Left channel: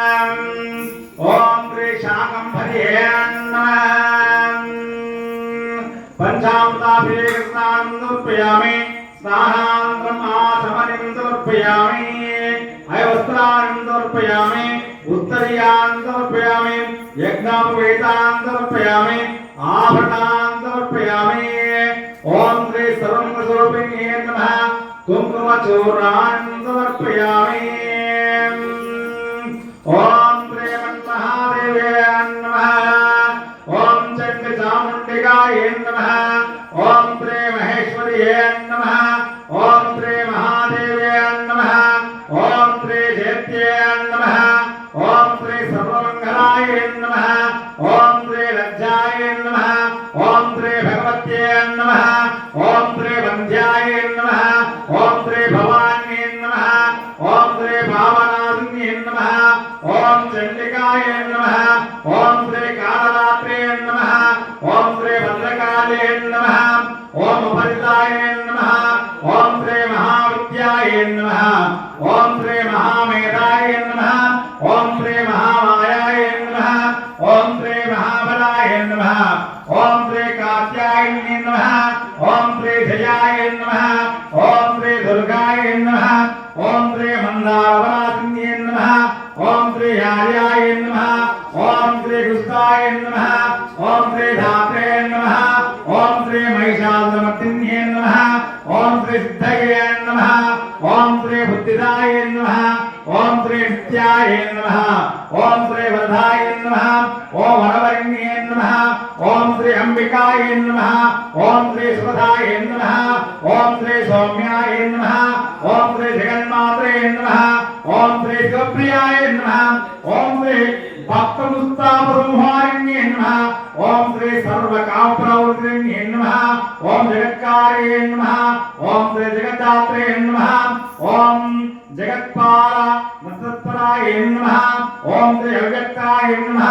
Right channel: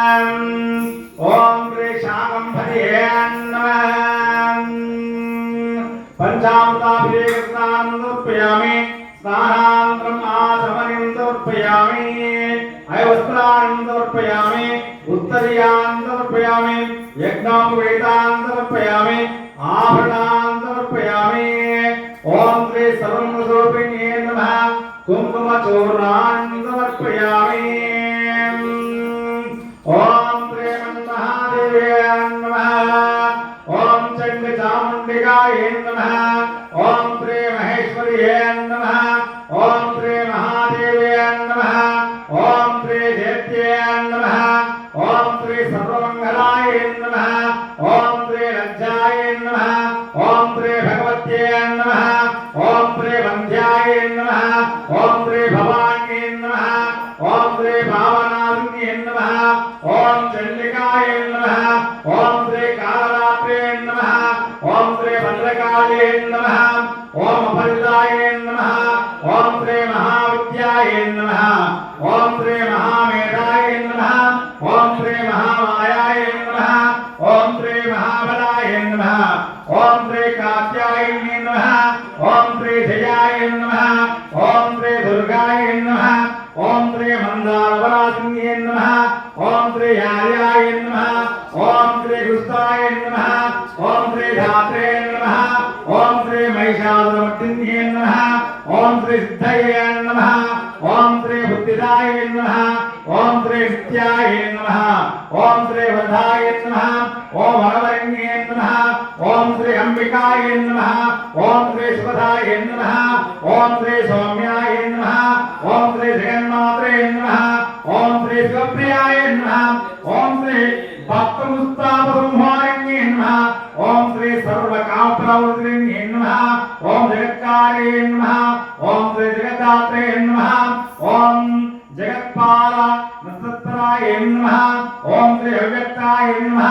ओम श्री शाकंभरी पंचामृताभिषेकस्नानमुपयामि स्नानान्तरम् आचमनीमुपयामि अयवस्त्रान्तमुपयामि उत्तरीयान्तमुपयामि यज्ञोपवीतान्तमुपयामि आभरणान्तमुपयामि ओम श्री सर्वमंगलस्वरूपिणे नमः कुङ्कुमचूर्णान्तमुपयामि ओम श्री महादेवाय नमः ओम चंडचामुंडिकाय नमः ओम श्री महेश्वर्याय नमः ओम श्री महादेवाय नमः ओम श्री जयत्याय नमः ओम श्री सर्वमंगलाय नमः ओम श्री लज्जाय नमः ओम श्री भगवत्याय नमः ओम श्री वंद्याय नमः ओम श्री भवान्यै नमः ओम श्री भावनासिन्यै नमः ओम चंडिकाय नमः ओम श्री कालरात्रे नमः ओम श्री भद्रकाले नमः ओम अपरिताय नमः ओम श्री महाविद्याय नमः ओम श्री महामेधाय नमः ओम श्री महामायाय नमः ओम श्री महाबलाय नमः ओम श्री कात्यायने नमः ओम श्री जयाय नमः ओम श्री दुर्गाय नमः ओम श्री मंदारवरासिन्ये नमः ओम श्री यार्याय नमः ओम श्री गुस्ताय नमः ओम श्री धात्रे नमः ओम श्री महिषासुरमर्दिन्ये नमः ओम श्री सिद्धये नमः ओम श्री बुद्धिदाय नमः ओम श्री नित्याय नमः ओम श्री वधाय नमः ओम वरवरण्ये नमः ओम श्री अंबिकाय नमः ओम श्री सुधाय नमः ओम श्री सौम्याय नमः ओम श्री जगन्मात्रे नमः ओम श्री शिवप्रियाय नमः ओम श्री भक्तमुस्तापसंहारिण्ये नमः ओम श्री सर्वकामप्रवृत्तिन्ये नमः ओम जगत्कार्ये नमः ओम श्री जगदात्रे नमः ओम जगत्पाल नक्षत्राय नमः ओम श्री अव्यक्ताय नमः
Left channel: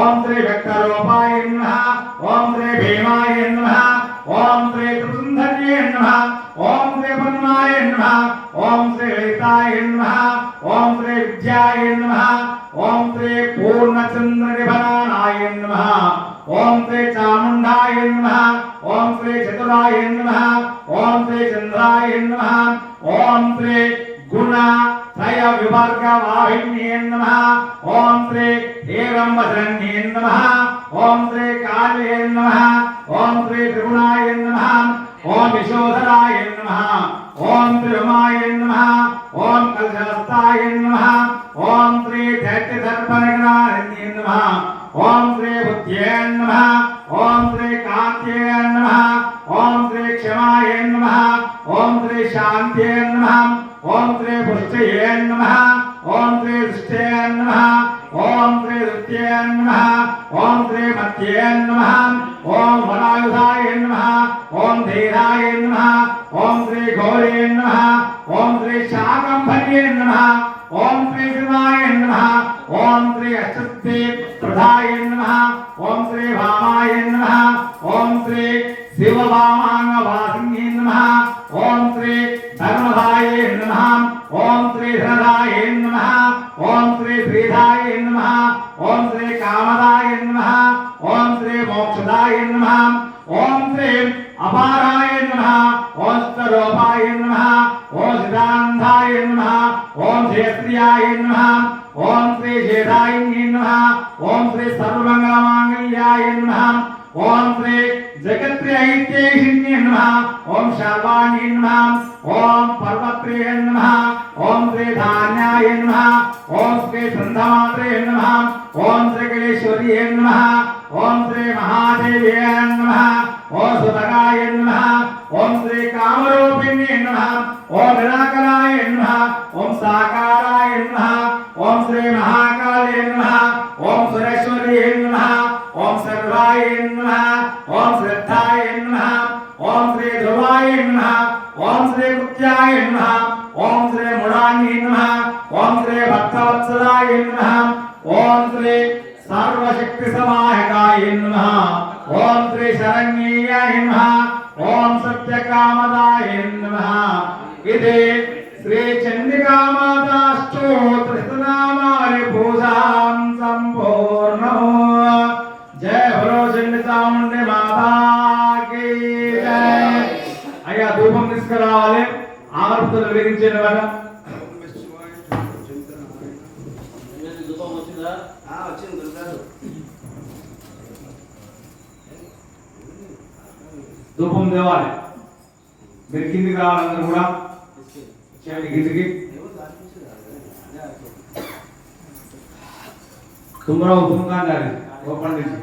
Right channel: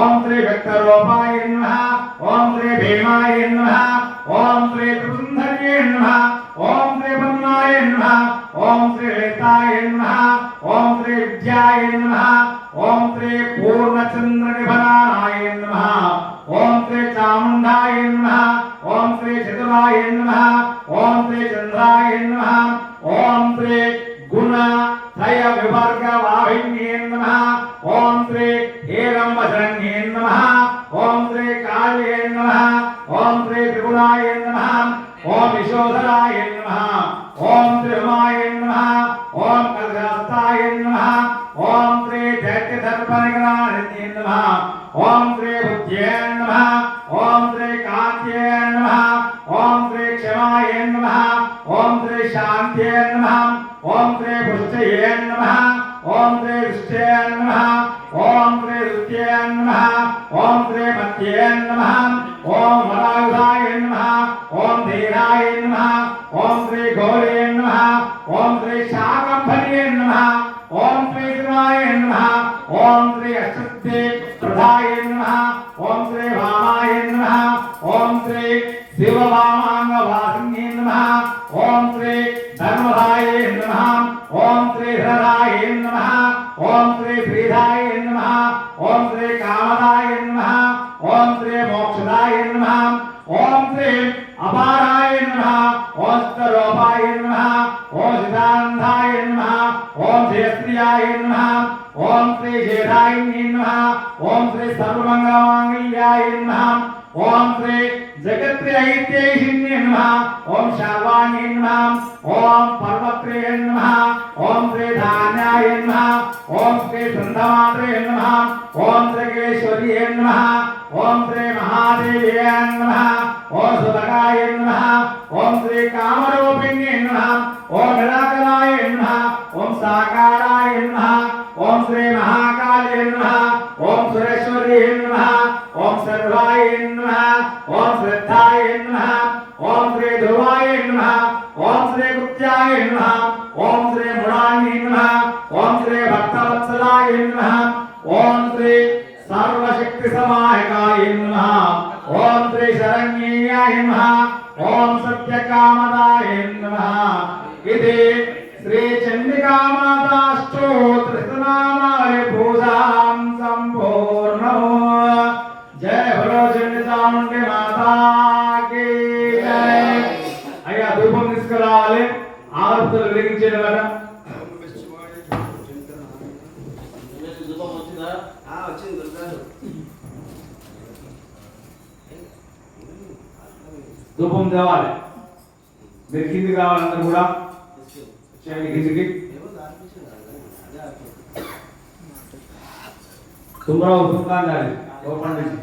ओम श्री व्यक्तरूपाय नमः ओम श्री भीमाय नमः ओम श्री त्रिपुरसुंदर्ये नमः ओम श्री ब्रह्माय नमः ओम श्री ललिताय नमः ओम श्री विद्याय नमः ओम श्री पूर्णचंद्रनिभनाय नमः ओम श्री चामुंडाय नमः ओम श्री चतुराय नमः ओम श्री चंद्राय नमः ओम श्री गुण त्रय विवर्ग वाहिन्ये नमः ओम श्री हेरंबशरण्ये नमः ओम श्री काले नमः ओम श्री त्रिगुणाय नमः ओम विशोधराय नमः ओम श्री उमाय नमः ओम कलशहस्ताय नमः ओम श्री दैत्यदर्पणग्राहिण्ये नमः ओम श्री बुद्ध्ये नमः ओम श्री कान्त्ये नमः ओम श्री क्षमाय नमः ओम श्री शान्त्ये नमः ओम श्री पुष्टये नमः ओम श्री दृष्टये नमः ओम श्री दृत्ये नमः ओम श्री मत्ये नमः ओम वरायुधाय नमः ओम धीराय नमः ओम श्री घोरे नमः ओम श्री शाकंभर्ये नमः ओम श्री शिवाय नमः ओम श्री अच्युते प्रधाय नमः ओम श्री वामाय नमः ओम श्री शिववामांगवासिन्ये नमः ओम श्री धर्मदाय नमः ओम श्री धराय नमः ओम श्री श्रीधाय नमः ओम श्री कामदाय नमः ओम श्री मोक्षदाय नमः ओम श्री अपाराय नमः ओम स्वरूपाय नमः ओम सिद्धान्ताय नमः ओम जयप्रियाय नमः ओम श्री जयदाय नमः ओम श्री सर्वमंगलमांगल्याय नमः ओम श्री जगत्त्रयैत्येहिन्ये नमः ओम शार्वाण्ये नमः ओम पर्वत्रे नमः ओम श्री धान्याय नमः ओम श्री संधमात्रे नमः ओम श्री गणेश्वर्ये नमः ओम श्री महादेव्ये नमः ओम सुभगाय नमः ओम श्री कामरूपिण्ये नमः ओम निराकराय नमः ओम साकाराय नमः ओम श्री महाकाले नमः ओम सुरेश्वर्ये नमः ओम सर्वाय नमः ओम श्रद्धाय नमः ओम श्री ध्रुवाय नमः ओम श्री कुत्याय नमः ओम श्री मुडान्ये नमः ओम श्री भक्तवत्सलाय नमः ओम श्री सर्वशक्तिसमायकाय नमः ओम श्री शरण्याय नमः ओम सत्यकामदाय नमः इति श्री चंडिका माता स्तोत्र नामानि पूजा వచ్చింది గురుగారు. ధూపం రావాలి. మీరు కిందికి రావాలి అందరూ కూడా. చేయండి కిందికి. తుమ్మరావు కుంకాండాలి ఓపెన్ చేసి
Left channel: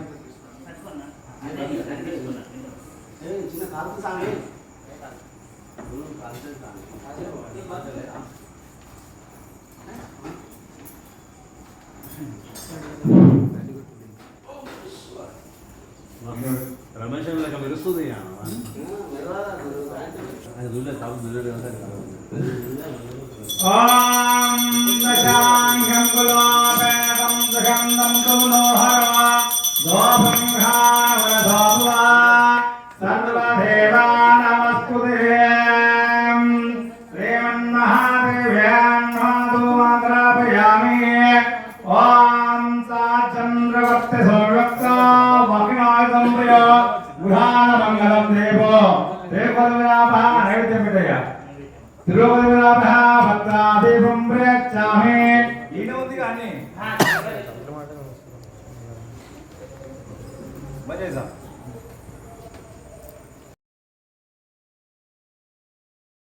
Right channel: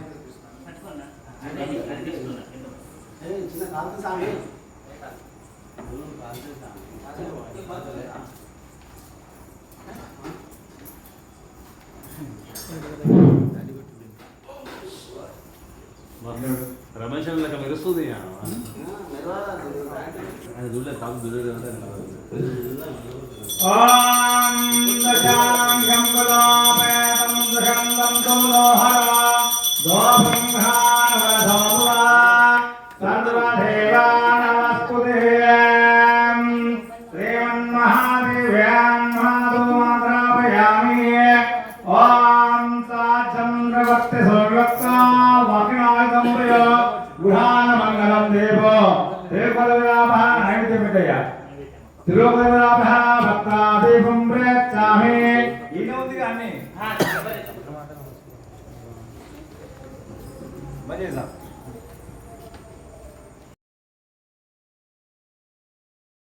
చిన్న కాల్పు సామి రమేష్ లెక్క మెరుస్తుంది అది దూలే కాదు దూలే ఓం దశాంగం గులామేదం సుగంధం తులోహర దోభంఘానవరధోవా సర్వదేవా నమస్తుతే శ్రీమన్మహాదేవ్యాన్ మాధుమాద్రాపయామి ఓం సాచంద్రవర్తి సౌవ్యక్తా వకినాయుధం ప్రియ గృహాన మంగళం దేవో తిరుపతిరాభ నైవేద్యం పెట్టయ్య తిరుపతిరాభ భద్రాదీపం ప్రయచ్చామి ఈయన ఉంది కానీ